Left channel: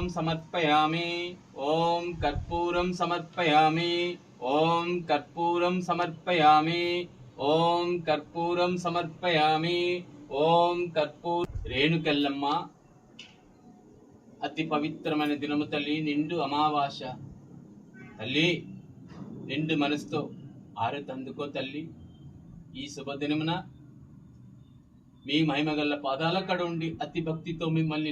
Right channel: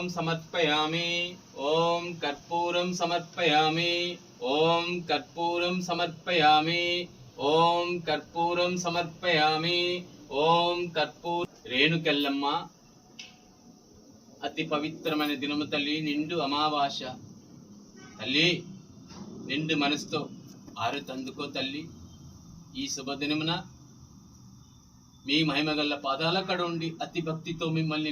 కర్పూరం సమర్పయామి. ఓం కర్పూరం సమర్పయామి. ఓం కర్పూరం సమర్పయామి. ఓం కర్పూరం సమర్పయామి. ఓం కర్పూర. రేణుకెల్లమ్మ అతి పవిత్రమైన దినము తల్లి, నిండు అమావాస్య తల్లి. నిండు మనసుతో ఆరతి అందుకో తల్లి. ఈ శుభదినమున మీ మహిమగల్ల పాదాల కడ ఉండి అతి భక్తితో మిమ్మల్ని